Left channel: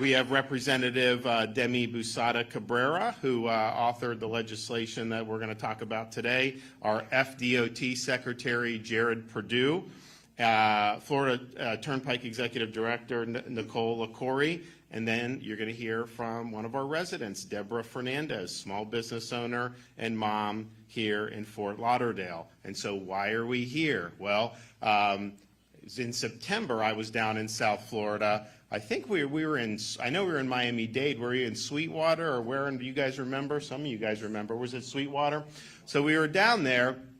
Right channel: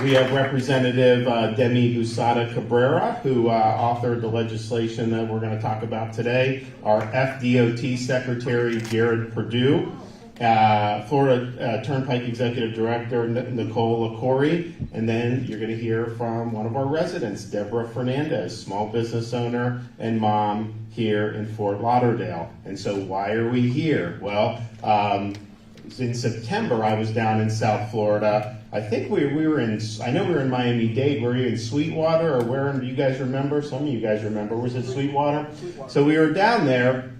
We have Representative Demi Busada Cabrera, who authored the legislation that we're going to talk about today. Our FDOT Secretary, Jared Perdue. Florida Turnpike Executive Director, Nicole LaCorey. And then you're going to hear from one of our residents, Deborah Fernandez, small business owner and mom here in Fort Lauderdale. And so why are we here? Well, in September, I was down in South Florida. I think we were in, I know we were in Miami-Dade. Were you in Sweetwater, or where, do you guys remember? Some of you guys remember. Was it Sweetwater? So we were down there,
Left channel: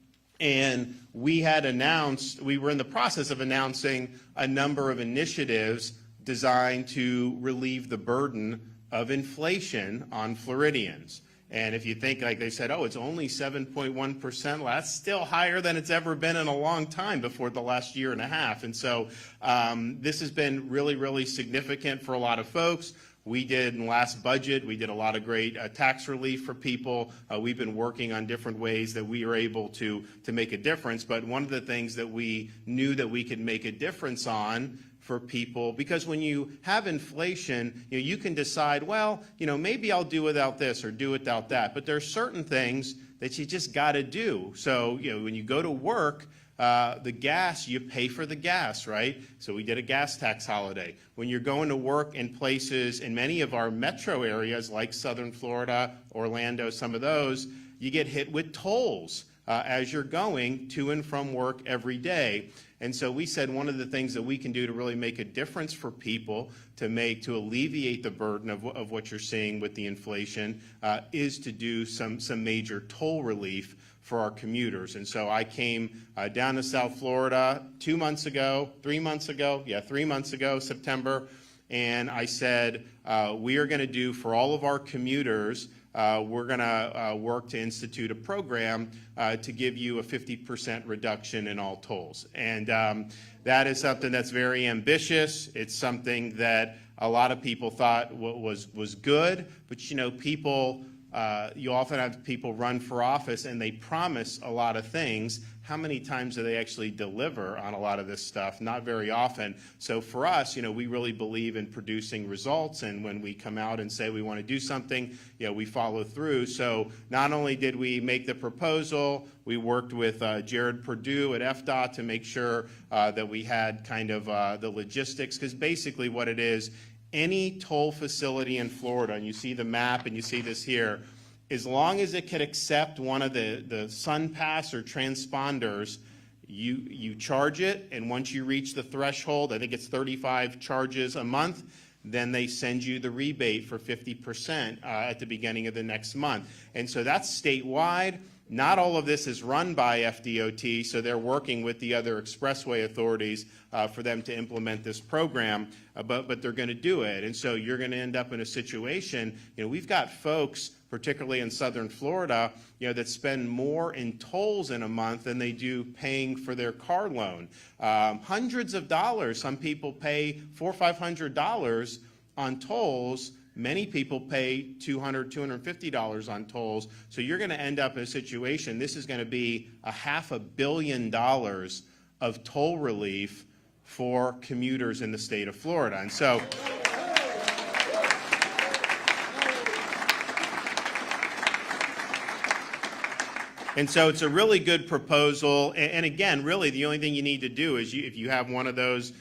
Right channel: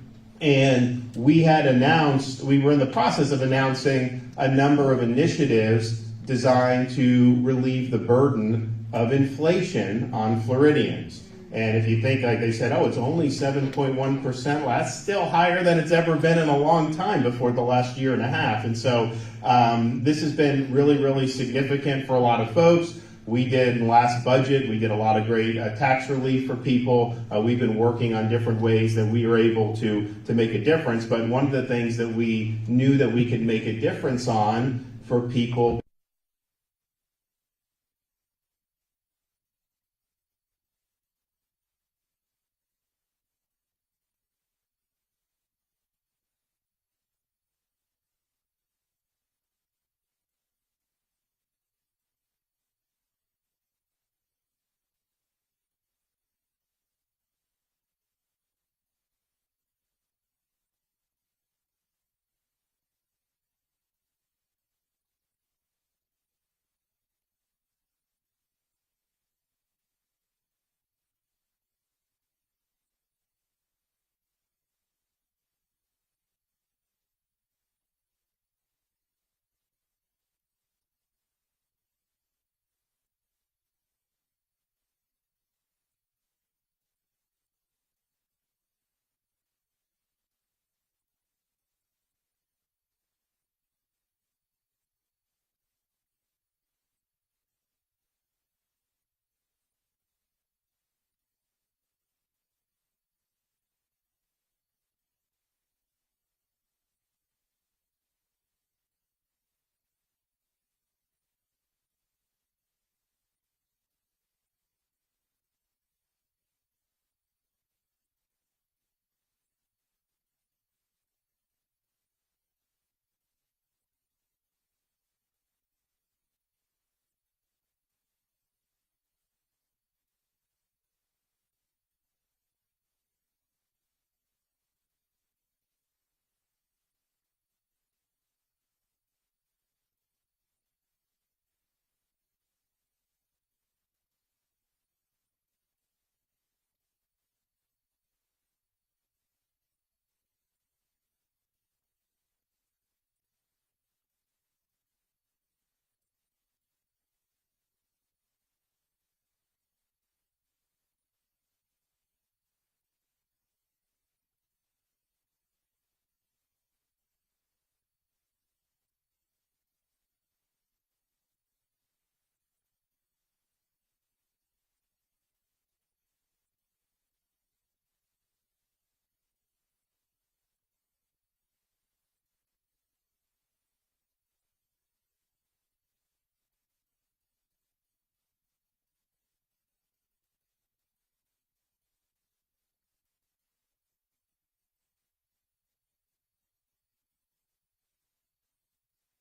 and we had announced, we were in the process of announcing a number of initiatives designed to relieve the burden of inflation on Floridians. And if you think, like they said, oh, it's only 7.1%, well, that's still higher than it's ever been in a long time before the last year and a half. And so this has been really, really significant for a lot of folks. We did in last budget, we did a lot of great tax relief for people. We've been working on different ways that we were able to make a difference. But one of the things that we knew that we could make a difference on for people, because when you have inflation, you can decide, well, maybe I'll do without this or do without that. But there's certain things that you just got to do. So, when you go to work, the gas, you pay for the gas, right? So we did a gas tax holiday. When you're going to work in places in many of our metro areas like Southern Florida, Orlando, some of those, you get hit with tolls as you're going to and from work every day. And so we said one of the things that we can do to really make a difference for people, to alleviate the burden of what you're seeing with the inflation, is to do some major toll relief for our commuters. And so I came down to South Florida 3 months ago, September, and I said, we are going to do for all of our commuters, we're going to work to institute a program to give you a 50% reduction in all tolls. And that is something that's very ambitious. It's something that a lot of people thought was good, but people, you often have people run for office and they promise a lot of things. How many times do they actually deliver on a lot of this stuff? Not very often. So for us, we really believe in producing results, and when we come out and say we want to do something, we follow through. So not only did we make the proposal, we worked with Jared Perdue at FDOT to make sure that we had kind of the logistics, because basically what it is, any toll facility in Florida, and you see the map and you see this here, as long as it could accept one of the SunPass or transponders, you charge it, and once you reach the threshold, I think it's 35 charges a month, then they send you the rebate for 50% at the beginning of the next month. And so that's statewide. Not all of this is run by FDOT, so they're working with the other expressway authorities for them to implement this program, but they're going to do it. And so you're going to end up in a situation, we've got folks, particularly in Southern Florida, that spend more in tolls in a month than they do paying for their car loan. Hundreds of dollars. Some people pay $400 or $500 on tolls. Many people pay $200, $250 on tolls. So you're going to end up in a situation, this is going to be $500 million of toll relief for commuters in the state of Florida. And so it's a really good proposal. And again, really the only thing you need to do is if you have one of those,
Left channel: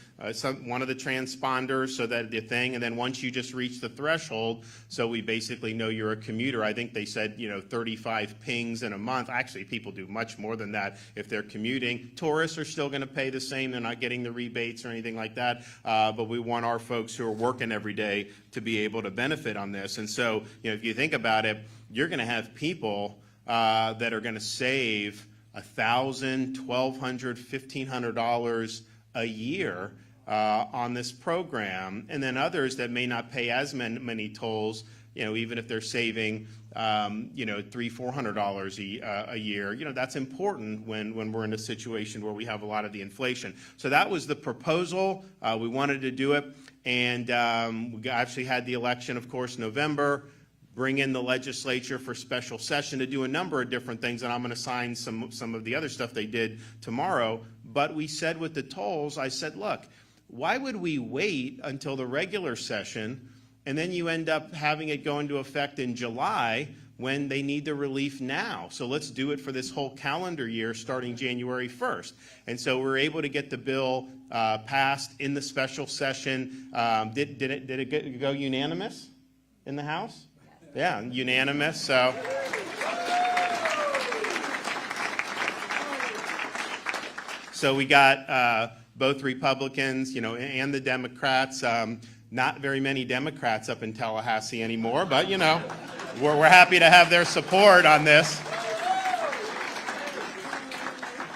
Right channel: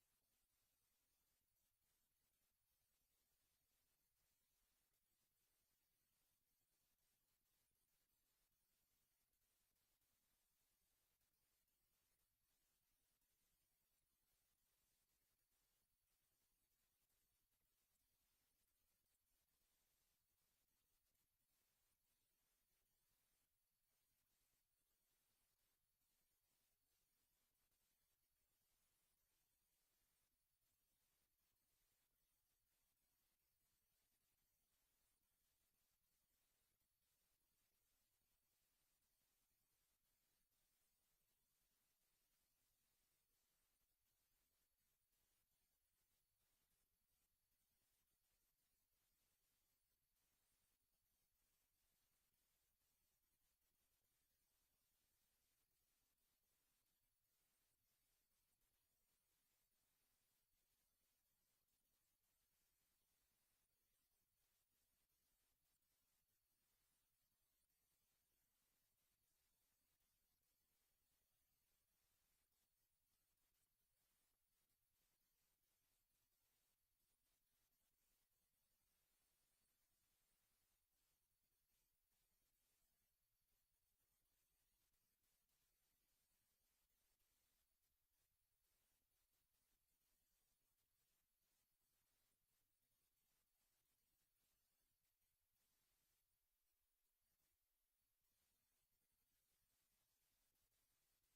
one of the transponders, so that the thing, and then once you just reach the threshold, so we basically know you're a commuter. I think they said 35 pings in a month. Actually, people do much more than that if they're commuting. Tourists are still going to pay the same. They're not getting the rebates or anything like that. But we want our folks who are working every day to be able to benefit on this. And so if you think about it, you're going to have people that are going to save $1,000, $1,200, $1,500 a year on this program, and then others that may not pay as many tolls, even if they're saving $300, $400 a year. That's important when we're in a situation where we have a lot of the inflation. So that was the proposal. We wanted to do it, and we actually had the election, of course, November. Bring in the legislature for special session to do a number of different things, and I'm going to sign some of the other stuff they did tomorrow. But we said with the tolls, I said, look, why would we wait until the regular session and then you end up having it go into effect in July when they need the relief now. So let's do it for this whole calendar year starting January 1st. And so we're able to get the bill passed in the special session. Did it go unanimous in the House? Yeah, unanimous. So we got both Republicans, and the Democrats. Not very many Democrats up in Tallahassee anymore, but we're happy to have their support on this.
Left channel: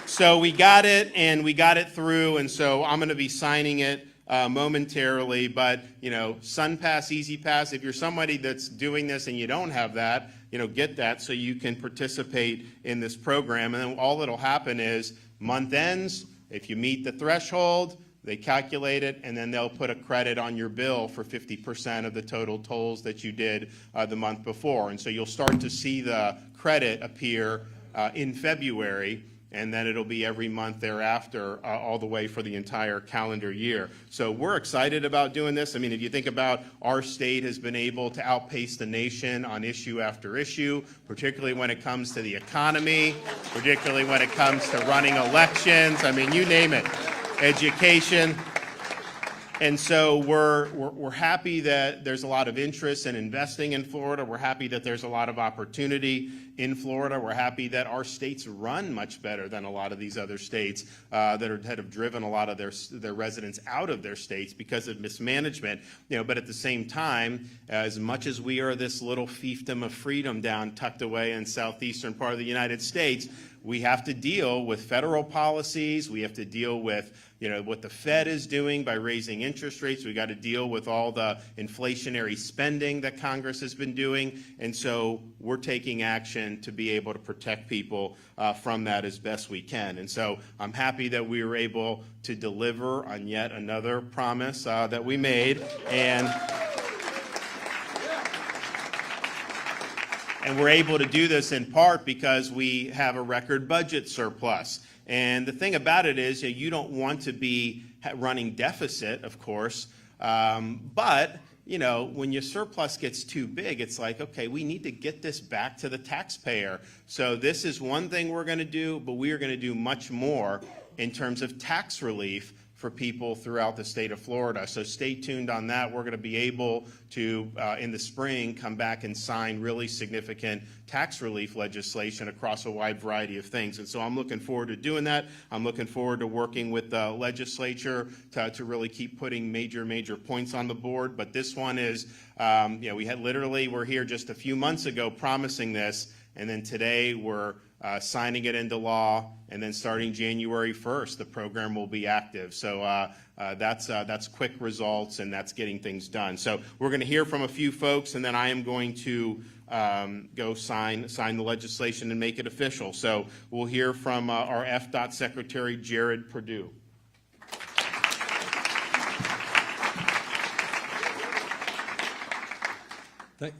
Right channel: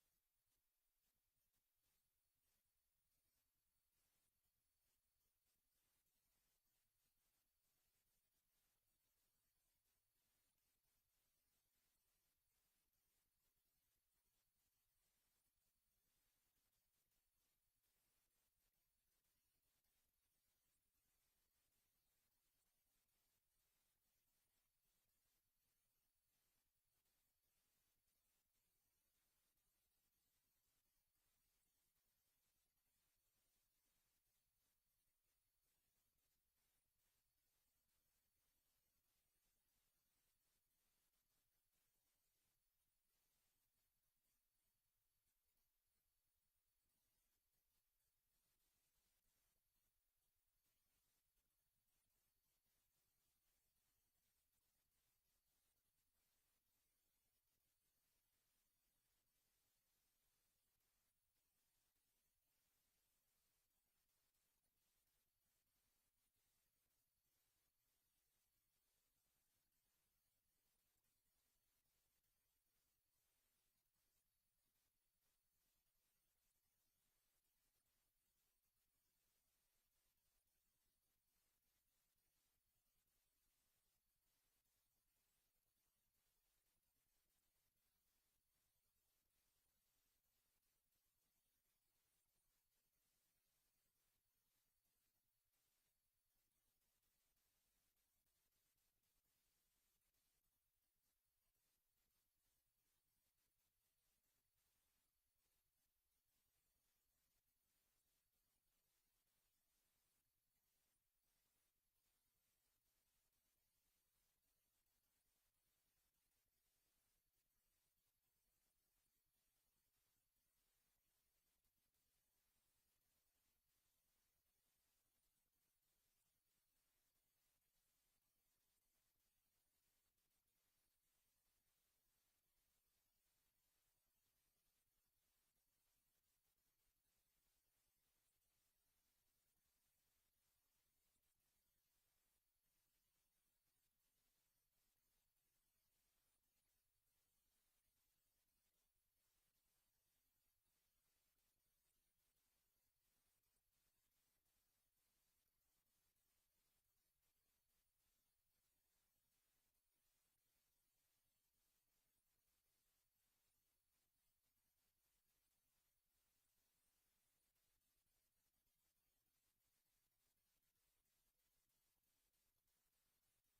So we got it, and we got it through, and so I'm going to be signing it momentarily. But SunPass, Easy Pass. If you're somebody that's doing this and you don't have that, get that so you can participate in this program. And then all that'll happen is month ends. If you meet the threshold, they calculate it, and then they'll put a credit on your bill for 50% of the total tolls that you did the month before. And so you'll start to see the credit appear in February, and then it'll be every month thereafter all the way for the entire calendar year. So we're excited about doing this. I mean, if you think about our state has been able to outpace the nation on issue after issue, particularly when it comes to the economy, particularly when it comes to running elections. I mean, you name it. Education. And so we're happy that there's a lot of interest in investing in Florida. We're happy that there's a lot of opportunity in Florida. We're happy that our states run much better than a lot of these other states that have driven a lot of their residents out of their states because of mismanagement. But at the same time, as much as we are this little fiefdom of freedom down tucked away in southeastern part of the United States, we have to deal with federal policies. We have to deal with what the Fed is doing by raising interest rates. We got to deal with all the inflationary spending that Congress has been doing. And so we're taking action to be able to protect people from that as best we can. And so I'm happy that we were able to deliver on yet another promise that we made. And we're able to do this in part because we have a record budget surplus. And the thing about it is you don't want to be running deficit, of course, but when your surplus gets too big, it's like, okay, we need to get this back to the taxpayer. So this is one thing we're going to do, but we are going to do much more in terms of tax relief for people throughout the state of Florida. So stay tuned on that. We're going to be able to, in the spring, come back and sign really significant tax relief legislation across a wide variety of things. And so I'm looking forward to doing that. I'm looking forward to working with the legislature to really keep putting major points on the board. But this one is, we're here just a few months ago promising this, and then today we're signing it into law, and then starting January 1st, the program will be active. So that's quick results, and that's getting things done. So we're going to hear from a few folks, and then I am going to go sign the legislation and make it official. So we'll hear from our FDOT Secretary, Jared Perdue.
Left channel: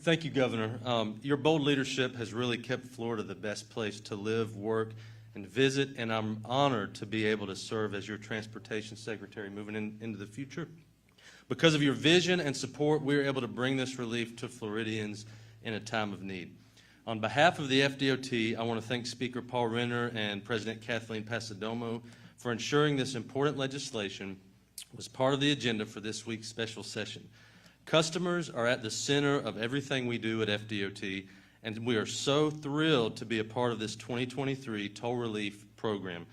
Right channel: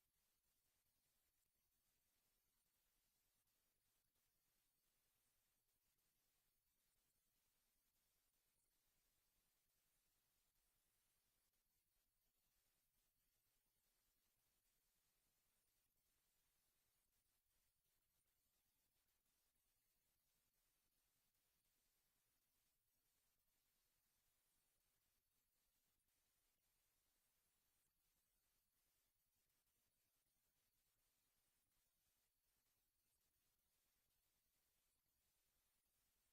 Thank you, Governor. Your bold leadership has really kept Florida the best place to live, work, and visit, and I'm honored to be able to serve as your Transportation Secretary moving into the future. Because of your vision and support, we are able to bring this relief to Floridians in a time of need. On behalf of the FDOT, I want to thank Speaker Paul Renner and President Kathleen Passidomo for ensuring this important legislation was part of the agenda for this week's special session. Customers are at the center of everything we do at FDOT, and we are so thrilled to be a part of this 2023 toll relief program.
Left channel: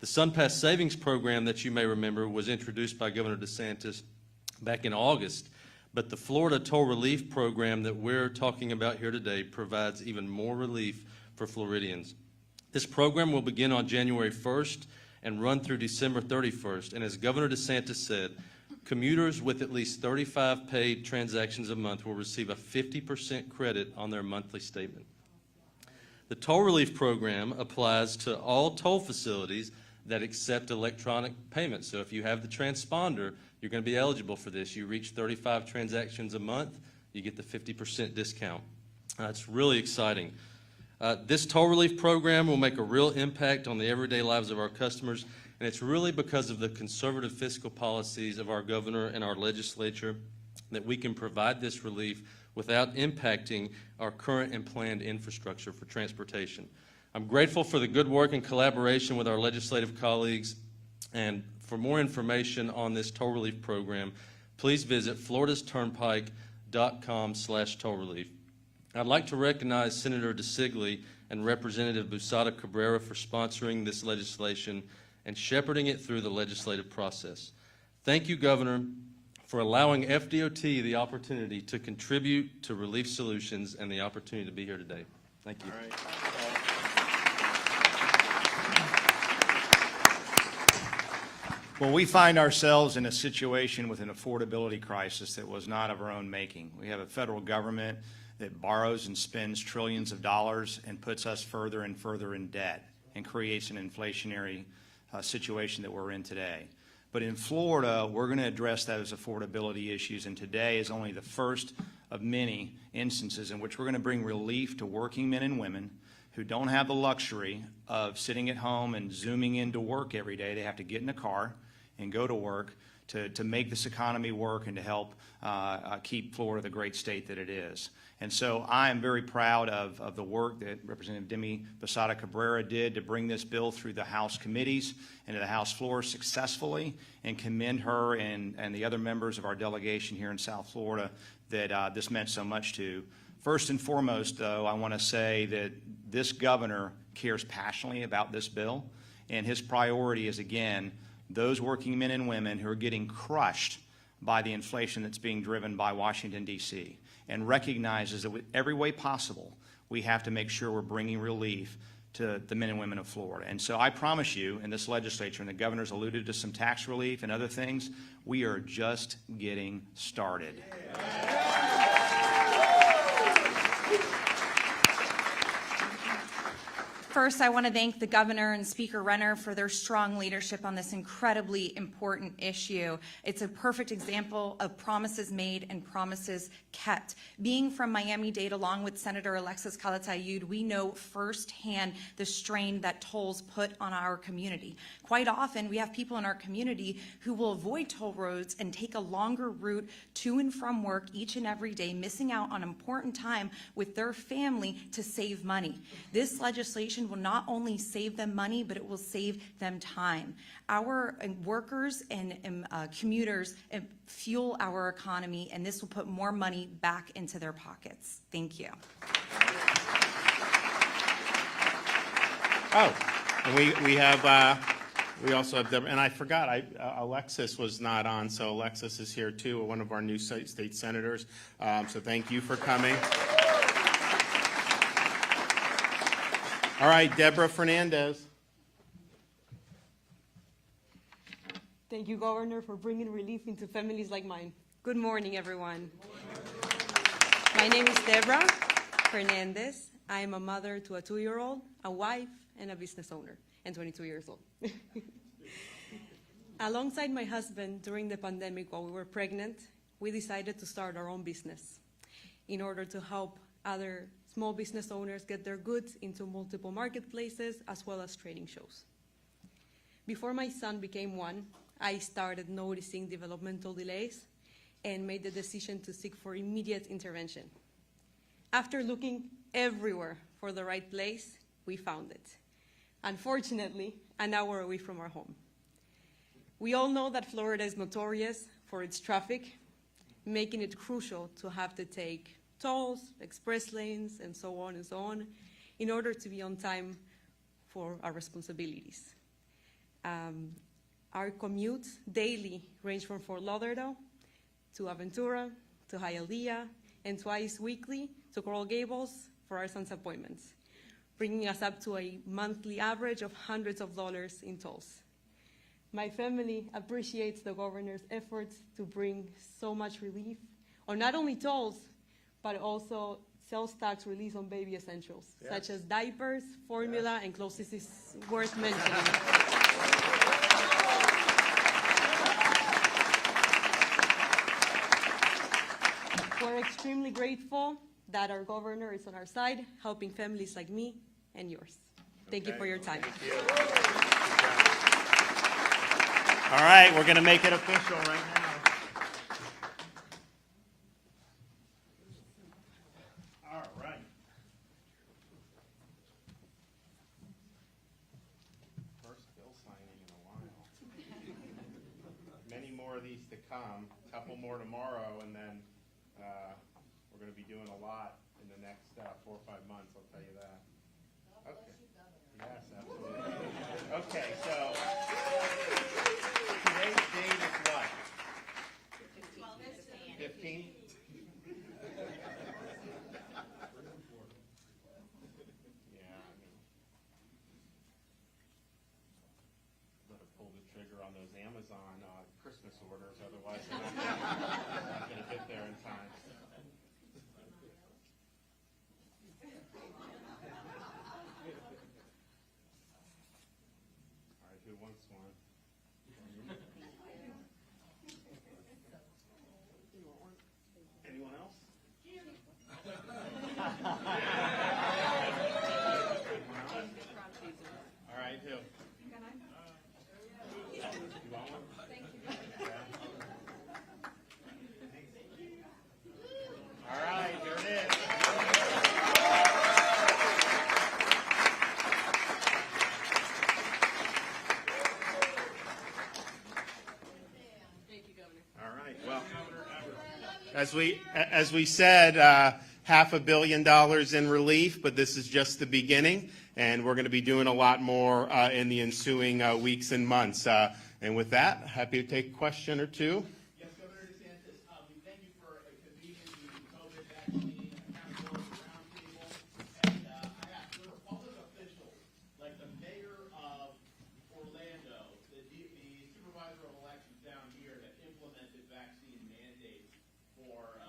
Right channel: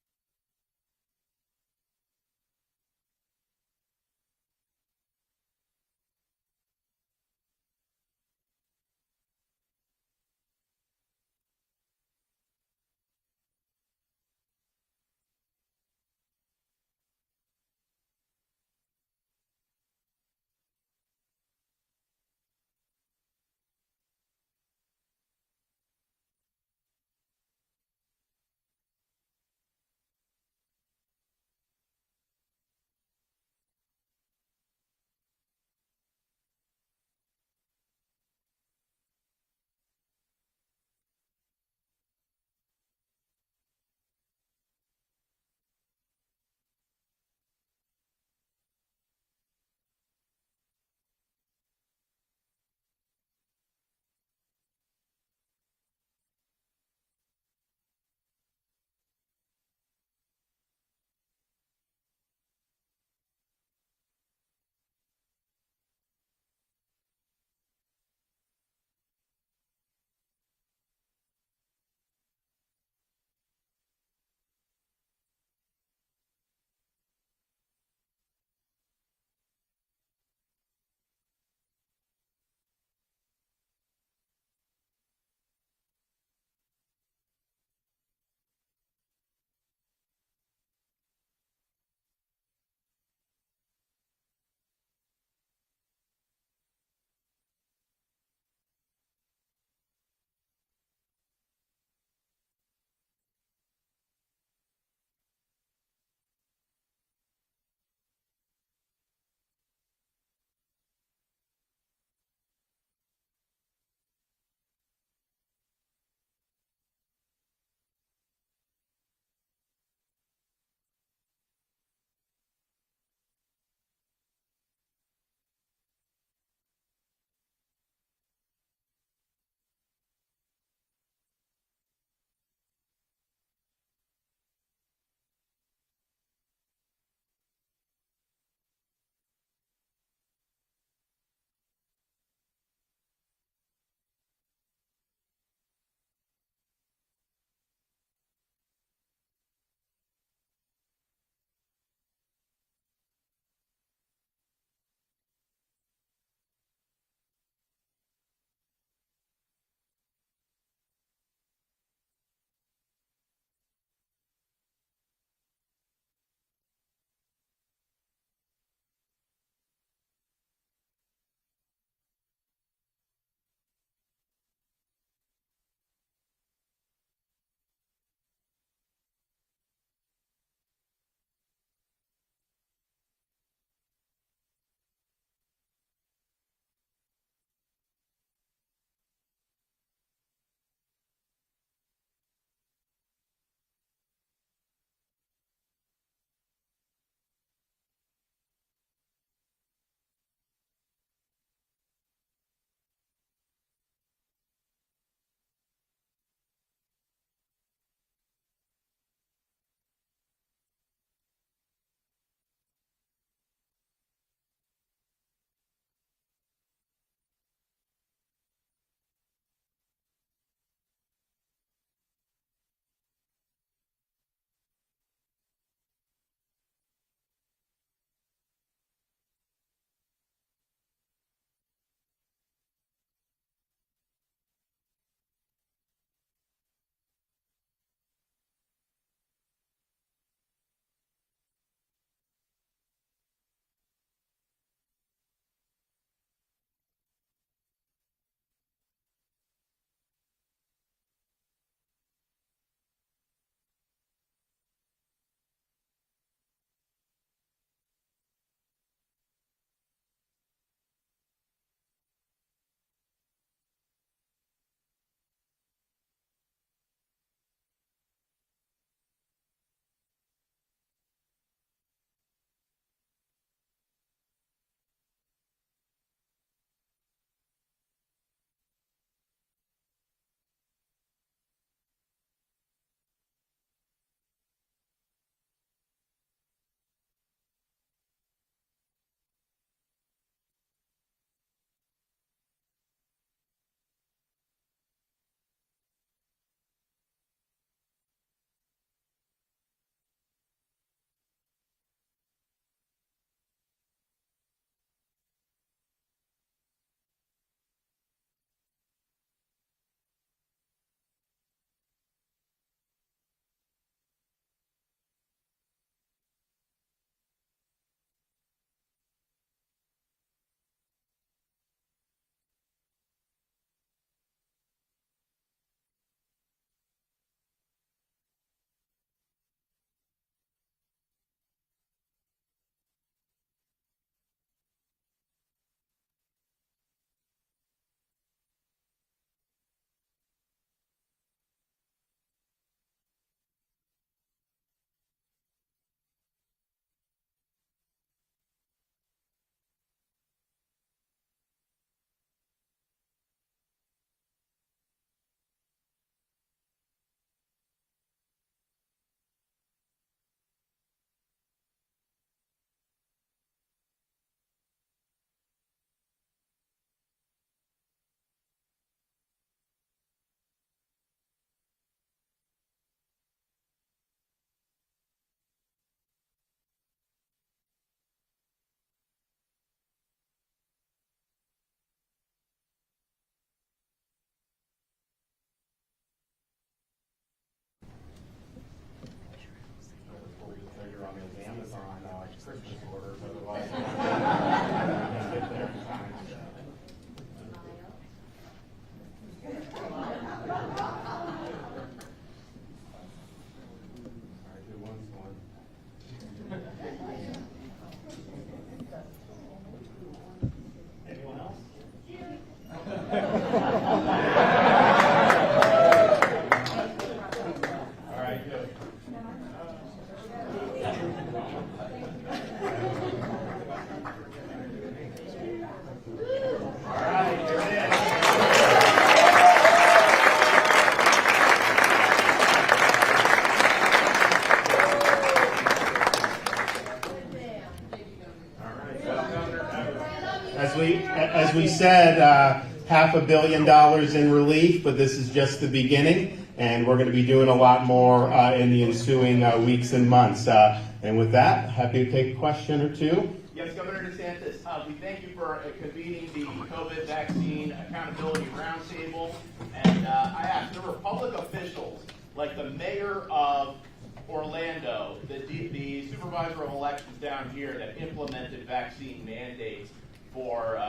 The SunPass Savings Program that you may remember was introduced by Governor DeSantis back in August, but the Florida Toll Relief Program that we're talking about here today provides even more relief for Floridians. This program will begin on January 1st and run through December 31st, and as Governor DeSantis said, commuters with at least 35 paid transactions a month will receive a 50% credit on their monthly statement. The toll relief program applies to all toll facilities that accept electronic payments. So if you have the transponder, you're going to be eligible for this. You reach 35 transactions a month, you get the 50% discount. It's really exciting. This toll relief program will make a real impact on the everyday lives of our customers, and it's really because of the conservative fiscal policies of our governor and our legislature that we can provide this relief without impacting our current and planned infrastructure for transportation. I'm grateful for the good work and collaboration with our legislative colleagues, and for more information on this toll relief program, please visit floridasturnpike.com/toll relief. I'd like to recognize Senator DeSigley and Representative Busada Cabrera for sponsoring this legislation and shepherding it through the legislative process. Thank you, Governor, for allowing FDOT the opportunity to contribute to relief solutions and the opportunity to be here today. Thank you. All right. Well, we find ourselves in a situation with an affordability crisis that was not of our own making. We have a federal government that borrows and spends trillions of dollars and puts us further and further in debt and creates an inflationary situation that we're in today. But in Florida, we're going to address those affordability issues, and today is only the first of many instances in which we're going to bring relief to working men and women who don't have the luxury of sitting at home and zooming into work every day. They have to get in a car and go to work to make this economy work and to help keep Florida the great state that it is. And so I am very proud of the work that Representative Demi Busada Cabrera did to bring this bill through the House committees and to the House floor successfully, and commend her and the other members of our delegation here in South Florida that this meant so much to. First and foremost, though, I want to say that this governor cares passionately about this bill, and his priority is, again, those working men and women who are getting crushed by the inflation that's being driven by Washington, D.C., and recognizes that with every way possible, we have to make sure we're bringing relief to the men and women of Florida. And so I promise you, in this legislature, and the governor's alluded to some tax relief and other things, we are just getting started. First, I want to thank the governor and Speaker Renner for their strong leadership on this incredibly important issue. It's a perfect example of promises made and promises kept. Being from Miami-Dade, along with Senator Alexis Calatayud, we know firsthand the strain that tolls put on our community. Quite often, we have people in our community who will avoid toll roads and take a longer route to and from work each and every day, missing out on important time with their family to save money. This legislation will not only save them money, but it will save them time. Our workers and commuters fuel our economy, and this will put more money back into their pockets. Thank you. Oh, and we also have Deborah, and I forgot, Alexis was not on, so Alexis is here too, one of our new state senators. So thank you for coming. All right, Deborah Fernandez. Thank you, Governor, for bringing relief into families like mine. Good morning, everyone. My name is Deborah Fernandez. I am a mother to a 2-year-old, a wife, and a business owner, and 22 years old. Alongside my husband, during the pandemic while we were pregnant, we decided to start our own business in order to help other small business owners get their goods into multiple marketplaces as well as trading shows. Before my son became one, I started noticing developmental delays and made the decision to seek for immediate intervention. After looking everywhere for the right place, we found it. Unfortunately, an hour away from our home. We all know that Florida is notorious for its traffic, making it crucial to have to take tolls, express lanes, and so on, in order to be on time for our responsibilities. Our commutes daily range from Fort Lauderdale to Aventura, to Hialeah, and twice weekly to Coral Gables for our son's appointments, bringing us up to a monthly average of hundreds of dollars in tolls. My family appreciates the governor's efforts to bring so much relief on not only tolls, but also sales tax release on baby essentials, such as diapers, formula, and clothes. This is worth mentioning. We're extremely grateful that our governor is on our side, helping families like me and yours. Thank you for your time. Thank you. All right, we're going to make it official right now. weeks to come, a couple more tomorrow, and then we're going to be doing a lot in the next 4 or 5 months, I'll tell you that. Okay. Yes, absolutely. Okay, so today's date is what? 15th? Pull the trigger on those Amazon Christmas orders, otherwise can't get there in time. All right, who wants one? Anyone else? All right, good. All right, here it is. As we said, $500 million in relief, but this is just the beginning, and we're going to be doing a lot more in the ensuing weeks and months. And with that, happy to take a question or two. Yes, Governor DeSantis, we thank you for convening the COVID vaccine accountability roundtable. And I asked, there were public officials like the mayor of Orlando, the supervisor of elections down here that implemented vaccine mandates for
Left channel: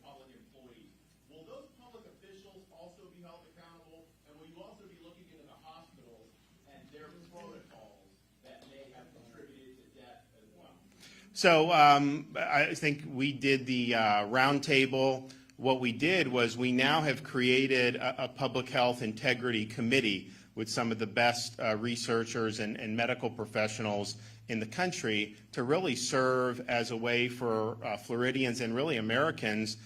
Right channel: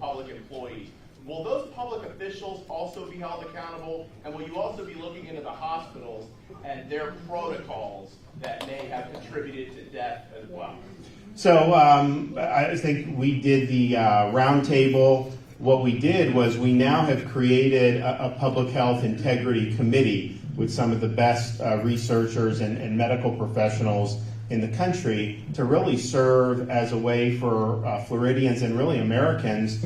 public employees. Will those public officials also be held accountable? And will you also be looking into the hospitals and their protocols that may have contributed to death as well? So I think we did the roundtable. What we did was we now have created a public health integrity committee with some of the best researchers and medical professionals in the country to really serve as a way for Floridians and really Americans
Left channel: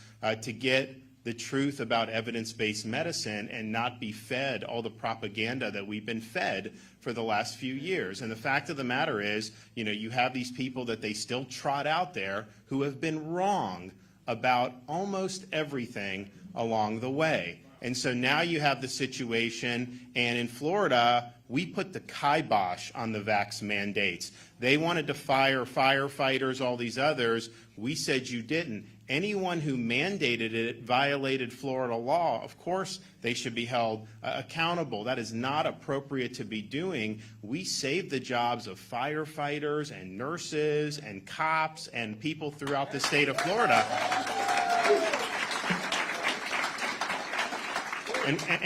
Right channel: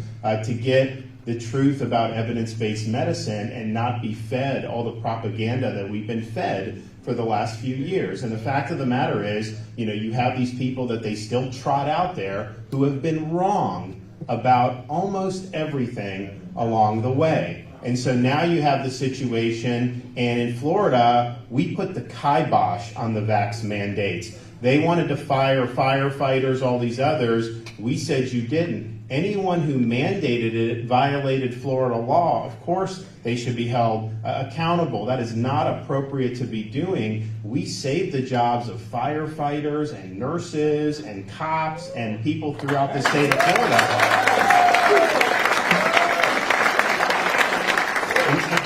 to get the truth about evidence-based medicine and not be fed all the propaganda that we've been fed for the last few years. And the fact of the matter is, you have these people that they still trot out there who have been wrong about almost everything along the way. And so now you have the situation, and in Florida, we put the kibosh on the vax mandates. They wanted to fire firefighters, all these others. We said you didn't. Anyone who mandated it violated Florida law. Of course, they should be held accountable. That is not appropriate to be doing. We saved the jobs of firefighters and nurses and cops and people throughout the state of Florida.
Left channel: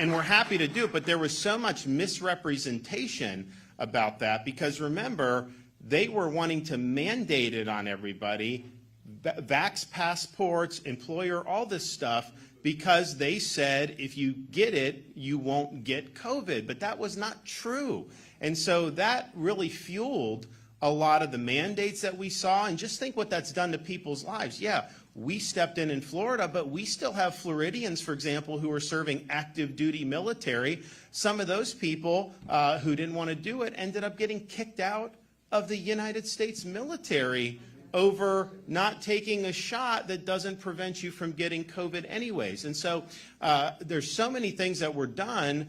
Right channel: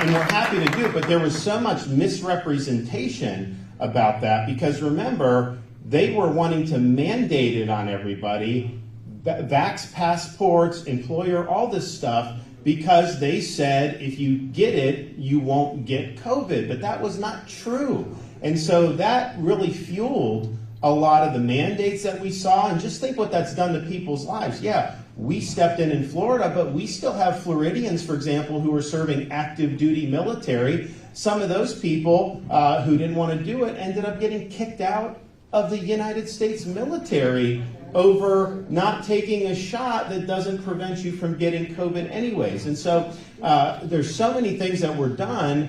And we're happy to do it, but there was so much misrepresentation about that because remember, they were wanting to mandate it on everybody, vax passports, employer, all this stuff, because they said if you get it, you won't get COVID. But that was not true. And so that really fueled a lot of the mandates that we saw. And just think what that's done to people's lives. Yeah, we stepped in Florida, but we still have Floridians, for example, who are serving active duty military. Some of those people who didn't want to do it ended up getting kicked out of the United States military over not taking a shot that doesn't prevent you from getting COVID anyways. And so there's so many things that were done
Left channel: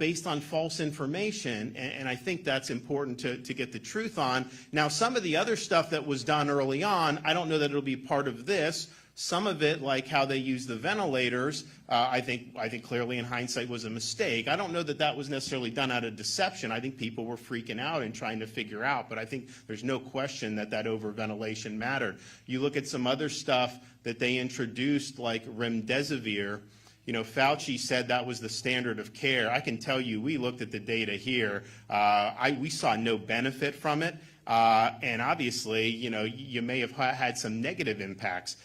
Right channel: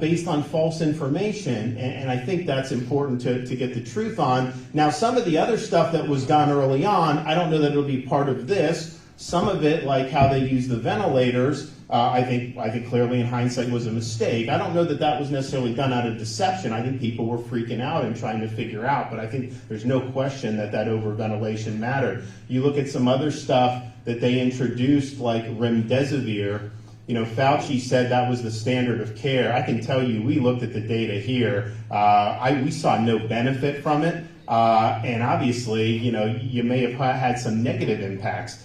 based on false information, and I think that's important to get the truth on. Now, some of the other stuff that was done early on, I don't know that it'll be part of this. Some of it, like how they use the ventilators, I think clearly in hindsight was a mistake. I don't know that that was necessarily done out of deception. I think people were freaking out and trying to figure out, but I think there's no question that overventilation mattered. You look at some other stuff that they introduced, like remdesivir. Fauci said that was the standard of care. I can tell you, we looked at the data here. We saw no benefit from it. And obviously, you may have had some negative impacts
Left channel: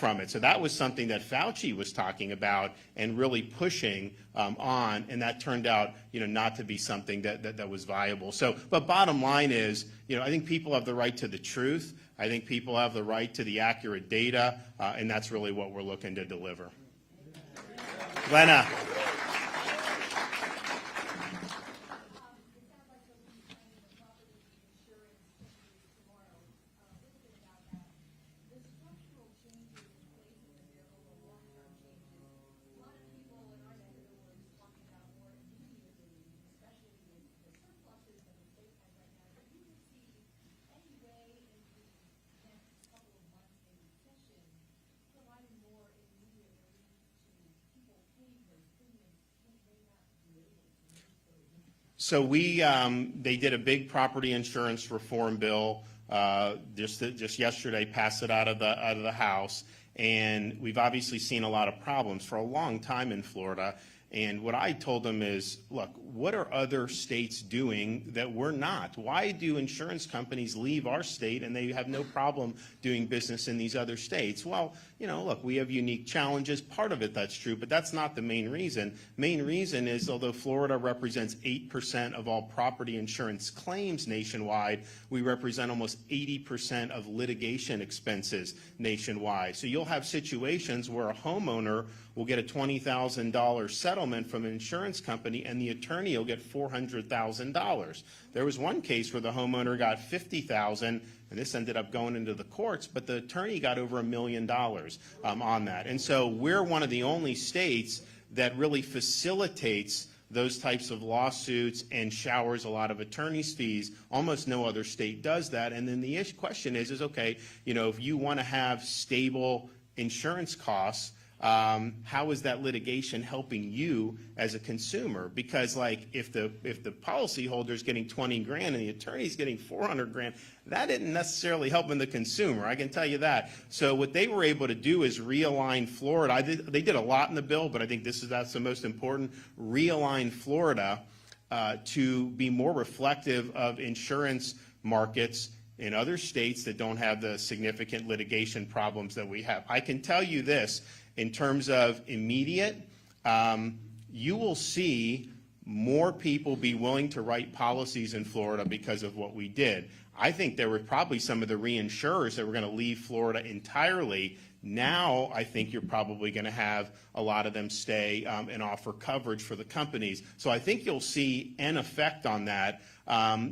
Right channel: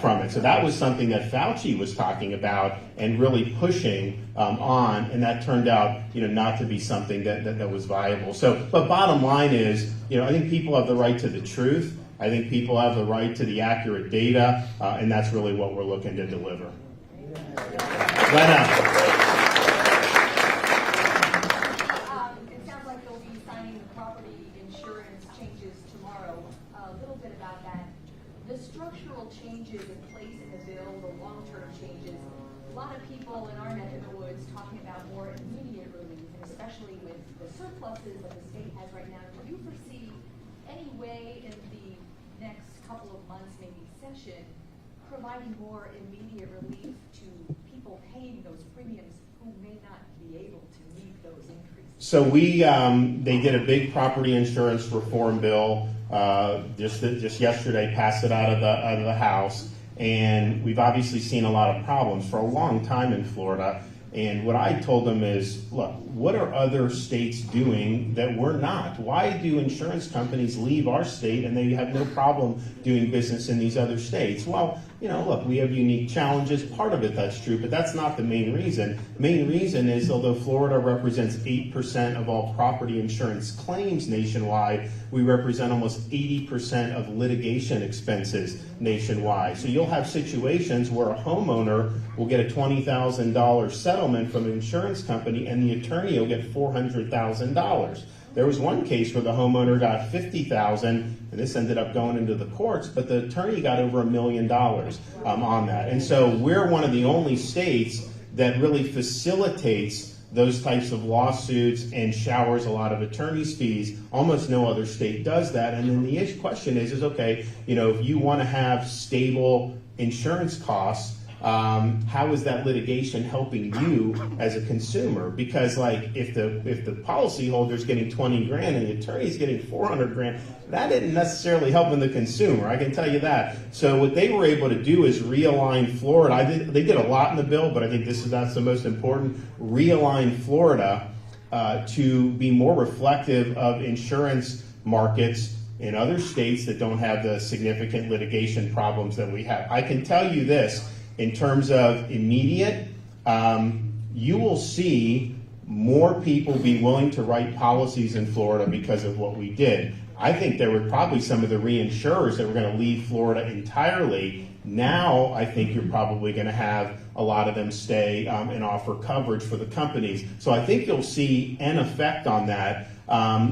from it. So that was something that Fauci was talking about and really pushing on, and that turned out, not to be something that was viable. So, but bottom line is, I think people have the right to the truth. I think people have the right to the accurate data, and that's really what we're looking to deliver. Lena. It sounds like you'll be signing the property insurance changes tomorrow. A little bit about changes in place in the bill, the long-term changes. A lot of people in our neck of the woods talking about more immediate relief, and especially with the surpluses that the state has right now. Do you foresee any way in the next couple of months, maybe session, providing more immediate relief to people paying those premiums who may not be able to meet those increases? So they did a big property insurance reform bill just yesterday, passed it out of the House, and we've obviously seen a lot of problems for a long time in Florida. And what I told them is, look, what are other states doing that we're not? Why do insurance companies leave our state and they have no problem doing business in these other states? Well, look, we have unique challenges. Part of it, that's true, but that's not the main reason. The main reason is, although Florida represents 8% of all property insurance claims nationwide, we represent almost 80% of litigation expenses nationwide. So you'll have situations where a homeowner will get a $20,000 settlement from an insurance company and the attorney will get $400,000. There was one case where the homeowner got $50,000, and this ended up going into the courts, but the attorney got over $1 million on that. And so we're one of the only states that really facilitates those types of lawsuits and showers a lot of attorney's fees. Almost no other state does that. And then the question is okay, if you want to have stable insurance costs, how is that litigation helping you as a consumer? Because if the policyholder's getting 20 grand and the attorney's getting 400 grand, that isn't necessarily helping the consumer, I can tell you that. So what they were able to do is realign Florida. They did a lot in the bill, but I think that's the most important. Realign Florida to be more reflective of insurance markets in other states that don't have the significant litigation problems that we have. I can tell you this. In terms of immediate, you will see more people be willing to write policies in Florida because of what we did. I think there were probably some of the reinsurers that were going to leave Florida entirely. Now, I think you're probably going to have a lot of them stay and offer coverage for the companies. So I think you'll see an effect on that.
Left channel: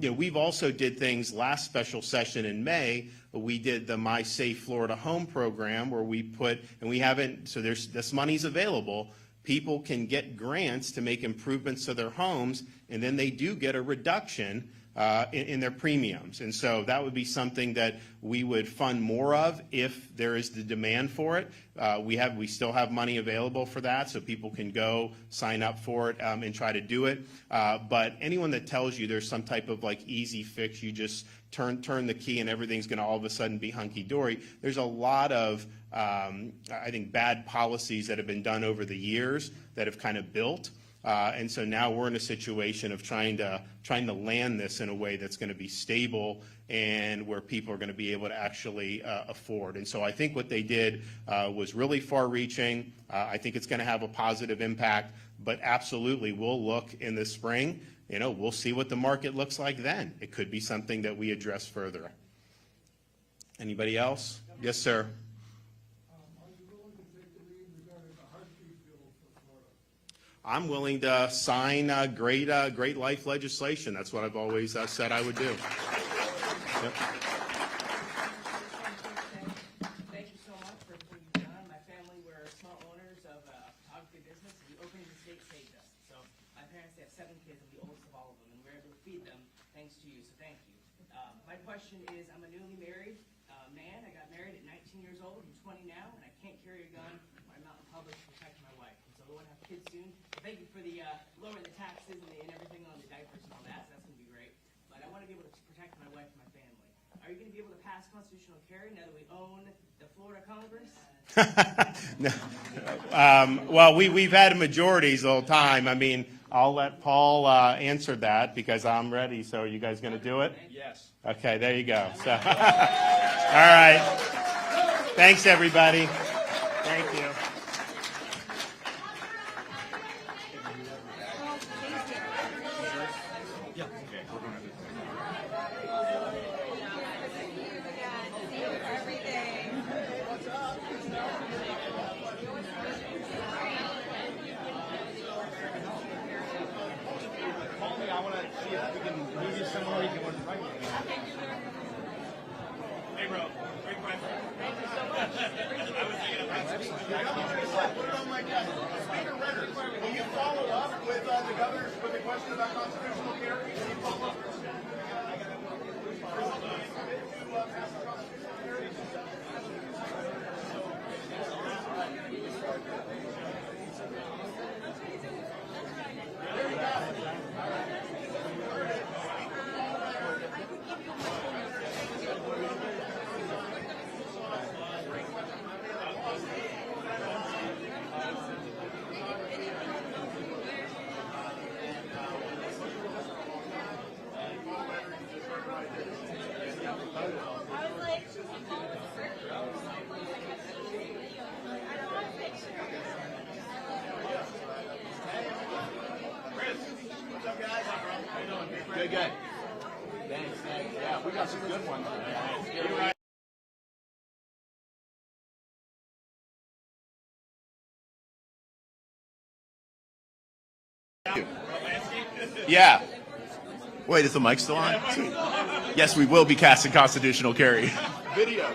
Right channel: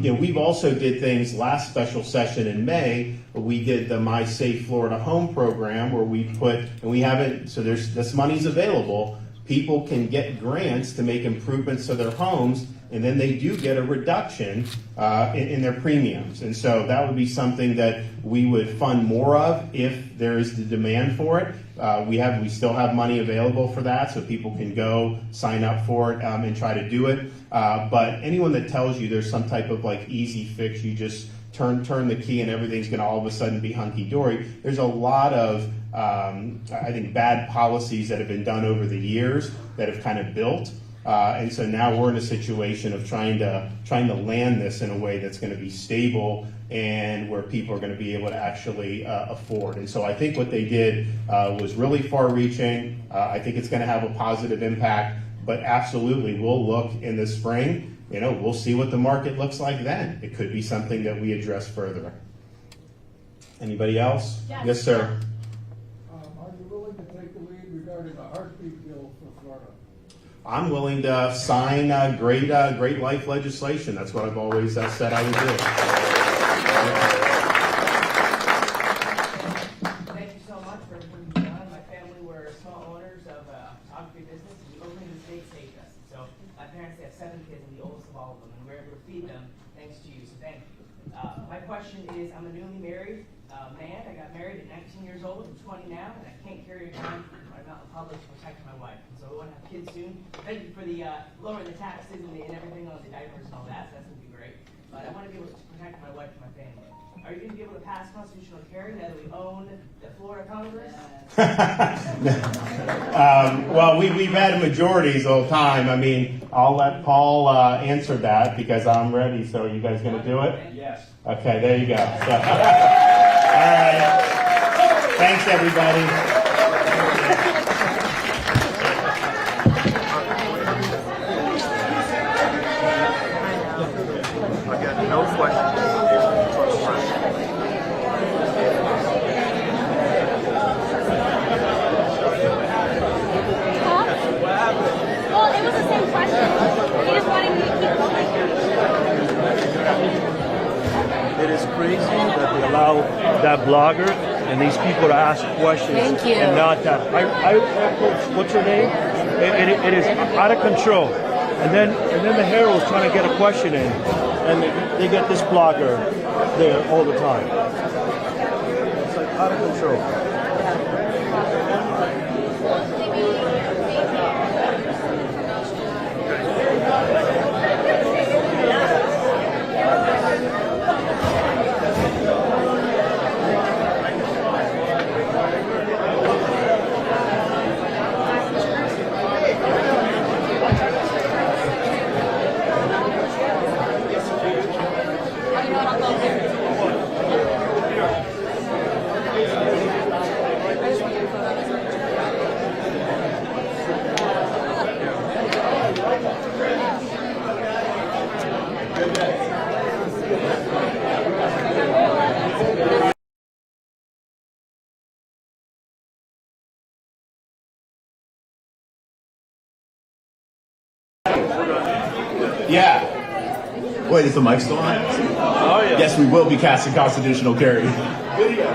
We've also did things last special session in May. We did the My Safe Florida Home program where we this money's available. People can get grants to make improvements to their homes, and then they do get a reduction in their premiums. And so that would be something that we would fund more of if there is the demand for it. We still have money available for that, so people can go sign up for it and try to do it. But anyone that tells you there's some type of easy fix, you just turn the key and everything's going to all of a sudden be hunky-dory. There's a lot of, I think, bad policies that have been done over the years that have kind of built. And so now we're in a situation of trying to land this in a way that's going to be stable and where people are going to be able to actually afford. And so I think what they did was really far-reaching. I think it's going to have a positive impact, but absolutely we'll look in the spring. We'll see what the market looks like then. It could be something that we address further. Anybody else? Yes, sir. Are you willing to take the lead regarding a heartbeat bill for Florida? I'm willing to sign great life legislation. That's what I've always said I would do. Thank you so much for everything you've done. My family were small owners of a photography business. We opened in the state saved us. So my parents had 7 kids, and the oldest of all of them, and we were able to feed them thanks to you. So thank you. My question is, I'm a newly married man. I got married at 19 years old. I'm 20 now, and I can't carry a gun. I'm not in public to protect my wife. So we want to have kids soon. Thank you for the lowering the taxes and everything on the diapers and all that. So that's going to be great. But I want to be able to protect my wife and my family. Are you going to be able to pass constitutional carry now that we own the Florida Congress? Well, we've had majorities the whole time. I mean, I'll let Paul answer that because I'm ready. So are you guys going to do it? Yes. Okay, there you go. So, all right. Thanks, everybody. I got no questions. Well, it was the same question. He just wanted me to keep going. It is crazy that they allow that blogger and these people to ask questions. Thank you. And not that. What's your name? It is out of control. And then the Herald's trying to get a question in, and they get this blogger there all the time. It's like out of control. Yeah. Wait, is the mic still on? Oh, yeah. Yes, we will be casting constitutional carry. Video.